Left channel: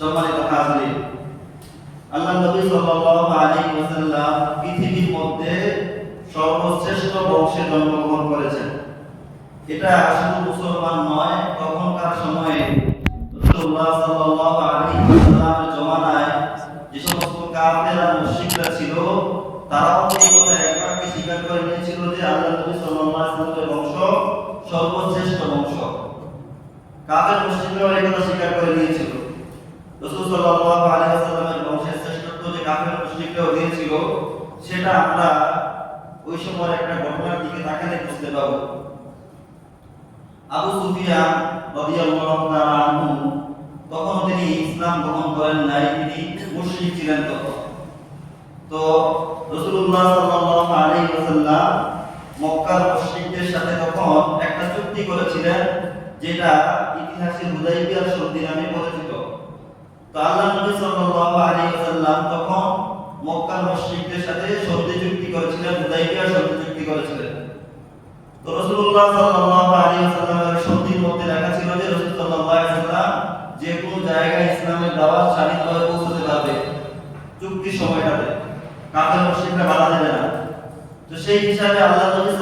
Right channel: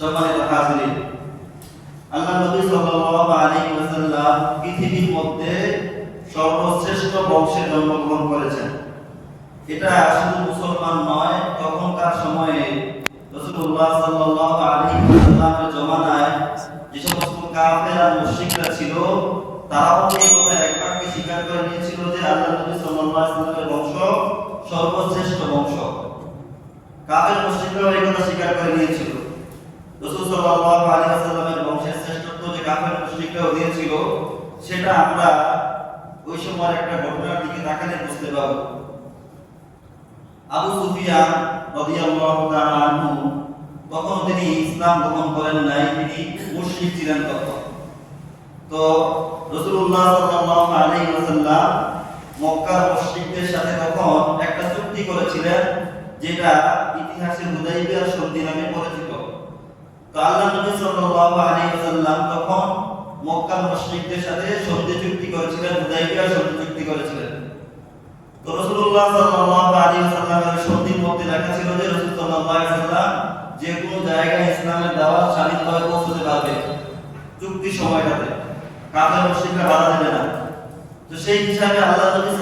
সম্মানিত হাজিরিন আল্লাহ নবী সাল্লাল্লাহু আলাইহি ওয়াসাল্লাম পৃথিবীর মধ্যে সর্বশ্রেষ্ঠ বংশে জন্মগ্রহণ করেছেন। এটা শুধু মুসলমান নয়, তখনকার সময়ে রাসূলুল্লাহ সাল্লাল্লাহু আলাইহি ওয়াসাল্লামের জমানায় যে সমস্ত কাফের আর মুশরিকরা ছিল, তারাও এই কথা একবারকে স্বীকার করে নিয়েছিল যে আল্লাহ নবী সাল্লাল্লাহু আলাইহি ওয়াসাল্লামের বংশ সর্বশ্রেষ্ঠ বংশ। কাফের, মুশরিকরাও এই কথা স্বীকার করে নিয়েছিল। রাসূল সাল্লাল্লাহু আলাইহি ওয়াসাল্লামের বংশের শ্রেষ্ঠত্ব যে কাফের মুশরিকরাও দিয়েছিল সেটা আমরা ওই সময় একটা ঘটনার দিকে তাকালে বুঝতে পারব আবু সুফিয়ান রাদিয়াল্লাহু তাআলা আনহু তখন তিনি ইসলাম গ্রহণ করেন নাই তিনি মুশরিক ছিলেন তখন তো রাসূলুল্লাহ সাল্লাল্লাহু আলাইহি ওয়াসাল্লাম মক্কার মুশরিকদের সাথে তখন একটা চুক্তি করেছিলেন, যেটা ইতিহাসে হুদাইবিয়ার সন্ধি নামে পরিচিত। তো আল্লাহ সাথে সন্ধি চুক্তি করেছিলেন চুক্তি করেছিলেন। তো মধ্যে লেখা জায়গায় ইসলামের দাওয়াত স্বাধীনভাবে পৌঁছতে পারবে চুক্তির সময়টাতে। কাফের না। তো সেই হিসাবে আল্লাহ নবী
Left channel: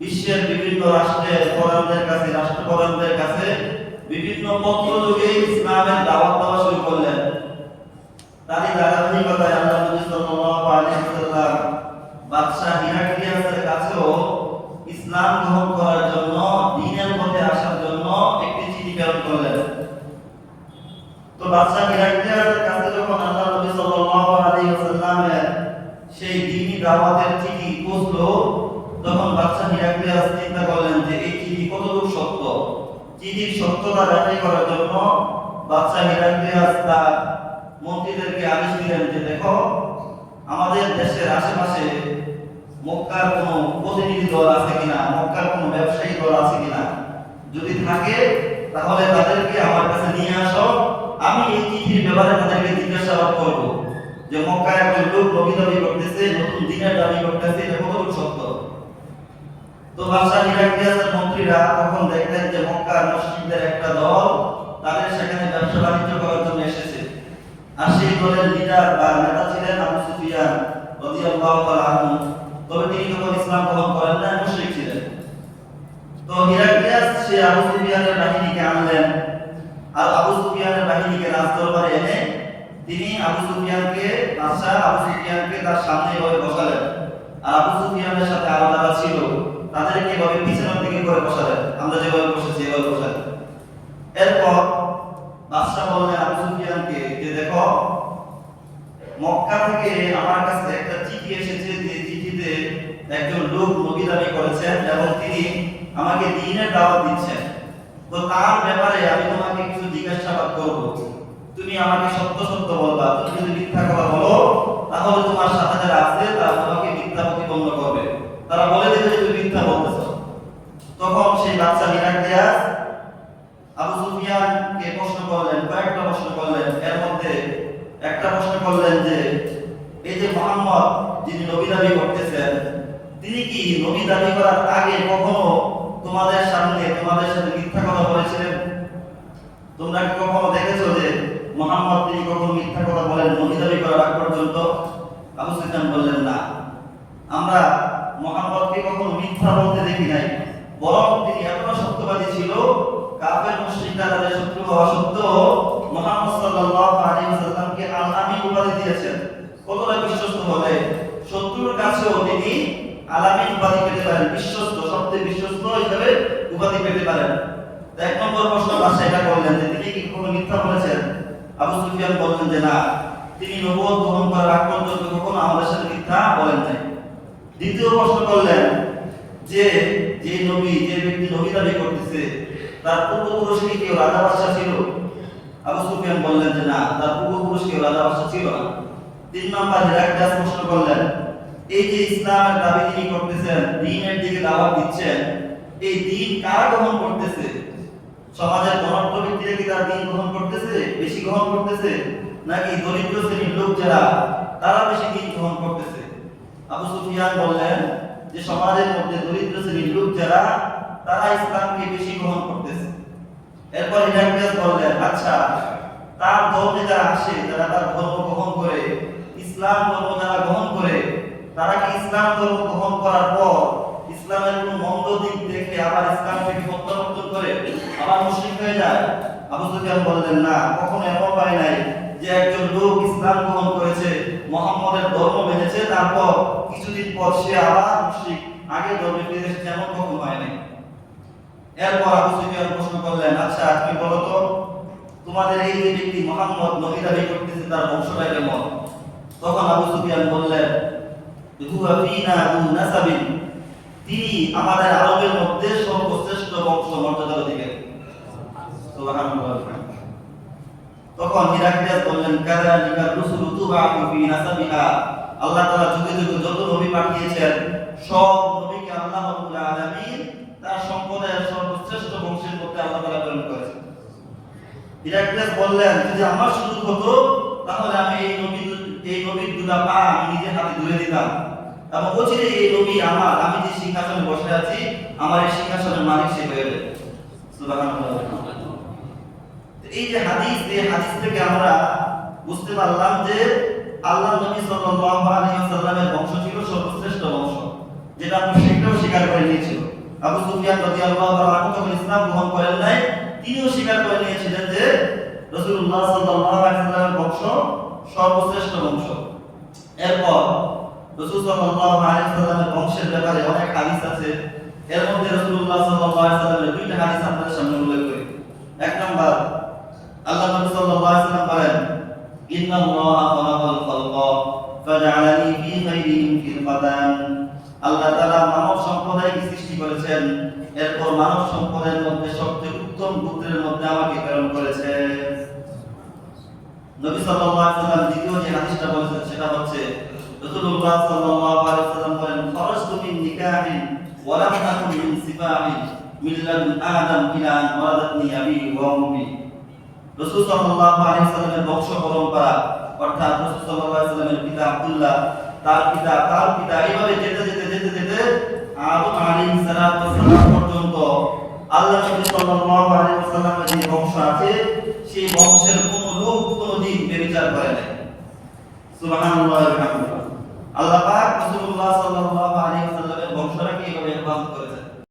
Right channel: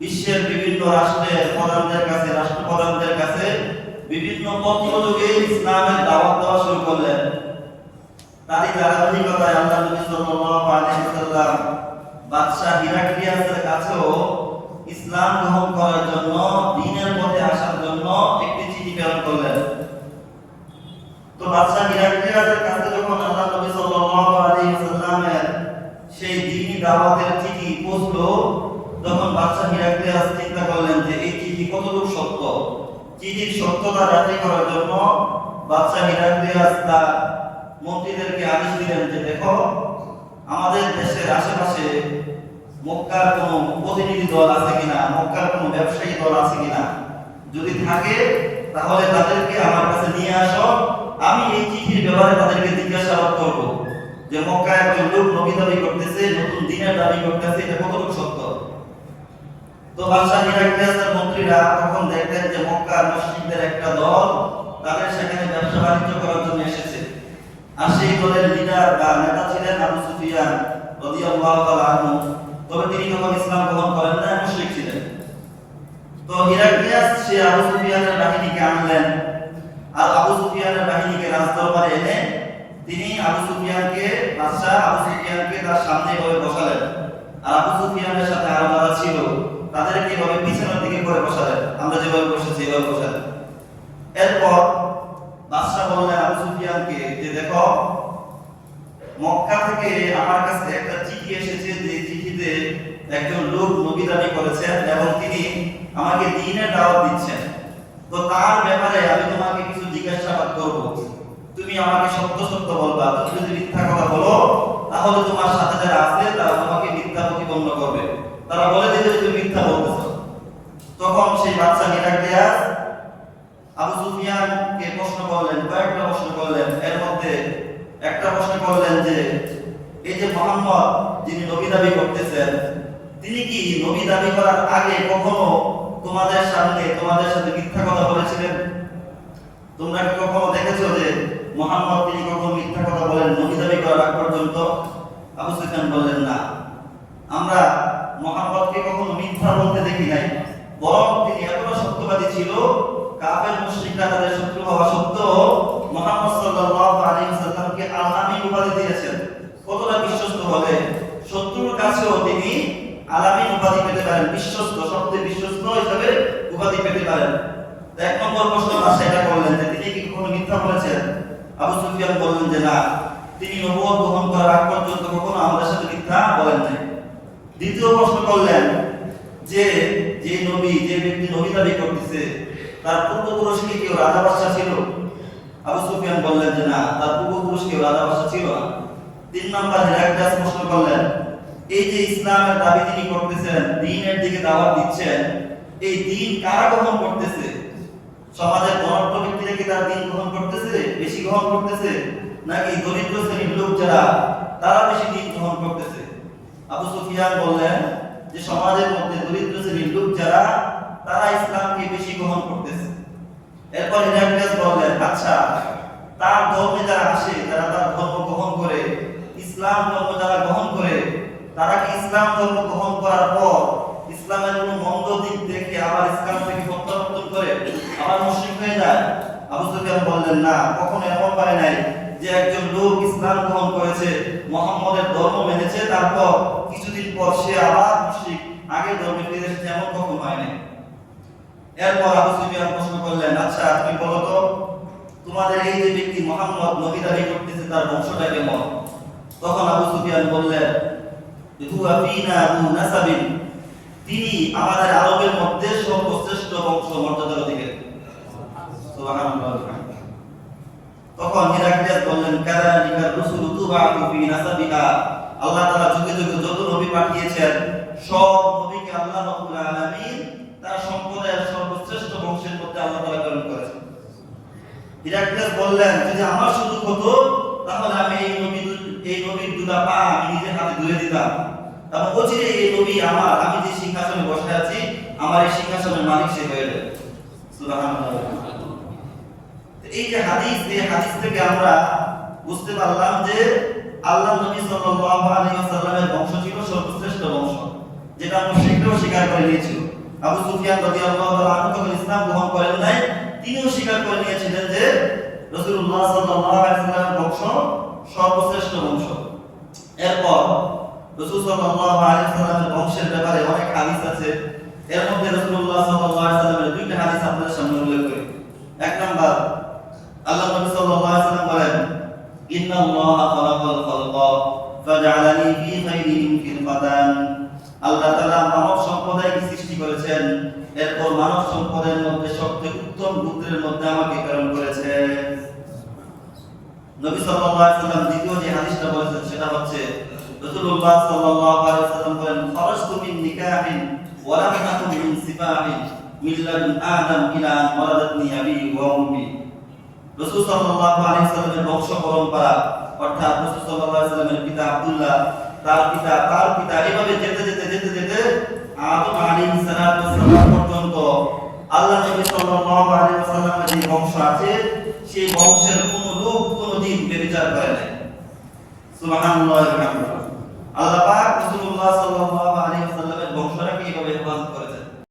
বিশ্বের বিভিন্ন রাষ্ট্রের প্রধানদের কাছে, রাষ্ট্রপ্রধানদের কাছে বিভিন্ন পত্র যোগে ইসলামের দাওয়াত দেওয়া শুরু করলেন। তারই ধারাবাহিকতায় আল্লাহ নবী সাল্লাল্লাহু আলাইহি ওয়াসাল্লাম বাদশাহ হিরাক্লিয়াসের কাছেও ইসলাম গ্রহণ করার জন্য দ্বীনের পথে আসার জন্য একটি চিঠি প্রেরণ করলেন। তো বাদশাহ হিরাক্লিয়াসের কাছে যখন আল্লাহ নবী সাল্লাল্লাহু আলাইহি ওয়াসাল্লামের সেই দ্বীনি দাওয়াতের চিঠি পৌঁছলো, তখন বাদশাহ হিরাক্লিয়াস চিন্তা করলেন যে এই চিঠি কতটুকু সত্য চিঠির সত্যতা যাচাই করার জন্য বাদশাহ হিরাক্লিয়াস তার মন্ত্রীদেরকে আদেশ দিলেন যে, দেখো, আমাদের দেশের আশেপাশে মক্কার কোনো প্রতিনিধি দল আছে কিনা, মক্কার কোনো ব্যবসায়ী দল আছে কিনা? যদি থাকে, তাহলে তাদেরকে আমার কাছে নিয়ে আসো। আমি এই চিঠির ব্যাপারে তাদেরকে জিজ্ঞাসাবাদ করব যে মক্কা একজন লোক নবী দাবি করতেছে, নতুন দিনের দাবি করতেছে, এটা কতটুকু সত্য? তো বাদশাহ মন্ত্রীরা তখন দেখলেন যে মক্কার মুসলিমদের একটা দল তাদের সেখানে ব্যবসা বাণিজ্য করার জন্য এসেছে। আর সেই দলের লিডার বা নেতা ছিলেন আবু সুফিয়ান রাদিয়াল্লাহু তাআলা আনহু। তবে তিনি তখন ইসলাম গ্রহণ করেন না, মুশরিক ছিলেন। তো হিরাক্লিয়াস, সে আবু সুফিয়ানের বাহিনীকে আনলেন। আর আবু সুফিয়ানের বাহিনীকে রাজদরবারে এনে তিনি আবু সুফিয়ানকে, বাদশাহ আবু সুফিয়ানকে তার সামনে ভাবে বসালেন আর আবু সুফিয়ানের সাথে আরও যারা ছিল তাদেরকে ভাবে পিছনের দিকে করে বসালেন আমরা যেভাবে বসেছি এভাবে বসালেন এরপর বাদশাহ বললেন আবু সুফিয়ানকে যে দেখো মক্কা থেকে আমার কাছে একটা চিঠি এসেছে যে চিঠিতে একজন লোক নবী দাবি করেছেন এবং তিনি আমাকে দ্বীনের দাওয়াত দিচ্ছেন। তো তার ব্যাপারে আমি তোমাকে কিছু জিজ্ঞাসাবাদ করব। তুমি আমাকে সত্য সত্য বলবা, তুমি যদি মিথ্যা কথা বলো, তাহলে তোমার সাথে যারা আছে, তারা তোমাকে মিথ্যা প্রতিপন্ন করবে। তারা বলে দেবে যে তুমি মিথ্যা বলতেছো। তখন সেই বাচ্চা নিরাক্রিয়াস আবু সুফিয়ানকে প্রশ্ন করলেন, কয়েকটা প্রশ্ন করলেন। এর মধ্যে একটা প্রশ্ন করলেন যে, এই যে মোহাম্মদ, যিনি নবী দাবি করতেছেন তিনি কি নবী দাবি করার আগে কখনো তোমাদের সামনে তোমাদের সাথে মিথ্যা কথা বলেছিলেন? তোমরা কি কখনো দেখেছ যে মোহাম্মদ তিনি কখনো মিথ্যা কথা বলেন, নবী দাবি করার আগ পর্যন্ত? আবু সুফিয়ান বললেন, না। আমরা মোহাম্মদকে কখনো মিথ্যা বলতে দেখি নাই। বরং তিনি এতটা সত্যবাদী ছিল, কাফের মুশরিকরা তাদের শত্রু হওয়া সত্ত্বেও মুহাম্মদ সাল্লাল্লাহু আলাইহি ওয়াসাল্লামকে আল-আমিন উপাধি দিয়েছেন। কতটা বিশ্বস্ত বলে শত্রুর কাছেও তিনি আলামিন উপাধি পেতে পারেন, বিশ্বস্ত, সবচেয়ে বিশ্বস্ত হিসেবে উপাধি পেতে পারেন। এক নম্বর প্রশ্ন, বাদশাহ এটা করলেন যে তিনি কি কখনো মিথ্যা বলেছেন? আবু সুফিয়ান বললেন যে, না, তিনি নবুয়ত গ্রহণ করার আগ পর্যন্ত কখনো আমাদের সাথে মিথ্যা বলেন নাই। দ্বিতীয় প্রশ্ন করলেন যে যে নবী, যে ব্যক্তি নবী দাবি করতেছে, তার পূর্বপুরুষ কি কেউ রাজা বাদশাহ ছিল? আবু সুফিয়ান বললেন যে, না, তার পূর্বপুরুষ কেউ রাজা বাদশাহ ছিল না। তিন নাম্বার হেরাক্লিয়াস প্রশ্ন করলেন এই যে ইসলামের দাবি তিনি করতেছেন দ্বীনের দিকে দাওয়াত দিচ্ছেন, এই দ্বীন কারা গ্রহণ করতেছে? সমাজের ধনাঢ্য ব্যক্তিরা কি তার দ্বীন গ্রহণ করতেছে, বেশি গ্রহণ করতেছে? নাকি দরিদ্র শ্রেণির লোক যারা, তারা বেশি দ্বীন গ্রহণ করতেছে? আবু সুফিয়ান বললেন যে, সমাজের মধ্যে দরিদ্র শ্রেণির লোক যারা, তারা ইসলামকে বেশি গ্রহণ করতেছে। এরপর হিরাক্লিয়াস বললেন আচ্ছা তার ধর্মে যারা আসে, যারা তার ধর্ম গ্রহণ করে, ইসলাম ধর্ম যারা গ্রহণ করে তারা কি ইসলাম ধর্ম গ্রহণ করার পর ইসলামের কোন মন্দ দিক দেখে আবার ইসলাম থেকে প্রত্যাবর্তন করে আবার মুশরিক হয়ে যায়। আবু সুফিয়ান বললেন, না, কখনো এমন হয় নাই যে একজন লোক ইসলাম গ্রহণ করেছে, মোহাম্মদের ধর্ম মেনেছে, তারপর কিছুদিন পর সে আবার মুশরিক আগের ধর্মে ফিরে এসেছে, এমন কখনো হয় নাই এরপর আবু সুফিয়ান প্রশ্ন করলেন আচ্ছা তুমি বলো তো তোমাদের এই যে ব্যক্তি মোহাম্মদ নবী দাবি করতেছে, তার বংশটা কেমন? তখন আবু সুফিয়ান বললেন তিনি আমাদের আরবের মধ্যে সর্বশ্রেষ্ঠ বংশ মর্যাদার অধিকারী। তখন হিরাক্লিয়াস বললেন কাযালিকা রুসুলু তুবাউ ফি নাসাবিহা? আল্লাহ তাআলা যুগে যুগে যত নবী পাঠিয়েছেন, সব নবীকে আল্লাহ রাব্বুল আলামিন তার সম্প্রদায়ের সর্বশ্রেষ্ঠ বংশের মধ্যে আল্লাহ তাআলা প্রেরণ করেছেন। হিরাক্লিয়াস বললেন, যদি আমার সুযোগ হতো, তাহলে আমি এই নবী এই নবীর দুটা পা আমি নিজের হাতে ধরে দিতাম। এবং অচিরে এই নবী আমার, আমি যে সিংহাসনে বসে আছি, আমার এই সিংহাসনের মালিক সে হয়ে যাবে। এই যে হাদিস, এই হাদিস থেকে আমরা বুঝতে পারলাম যে আল্লাহ নবী সাল্লাল্লাহু আলাইহি ওয়াসাল্লামের বংশ ছিল সর্বশ্রেষ্ঠ বংশ, যেটা মুশরিকরাও স্বীকার করে নিয়েছিল। আবু সুফিয়ান রাদিয়াল্লাহু তাআলা যখন ইসলাম গ্রহণ করেন নাই, তিনিও স্বীকার করে নিয়েছিলেন যে রাসূলুল্লাহ সাল্লাল্লাহু আলাইহি ওয়াসাল্লামের বংশ সর্বশ্রেষ্ঠ বংশ। এরপর এর মধ্যে সম্প্রদায়ের মধ্যে সবচেয়ে উত্তম পুত্রের মধ্যে আমাকে দ্বিতীয় যে হাদিসটা বলেছেন সাল্লাল্লাহু আলাইহি বংশ পরম্পরা অর্থাৎ সাল্লাল্লাহু আলাইহি পিতা আব্দুল্লাহ, তার পিতা তার পিতা এভাবে যেতে যেতে যেতে যেতে আদম আলাইহিস পর্যন্ত আল্লাহ নবী সাল্লাল্লাহু আলাইহি ওয়াসাল্লামের যে বংশ আছে, সেই বংশের কোন লোক কোনদিন বেবিচার করে নাই। সুবহানাল্লাহ ওয়া বিহামদিহি। আল্লাহ পাক রাসূলুল্লাহ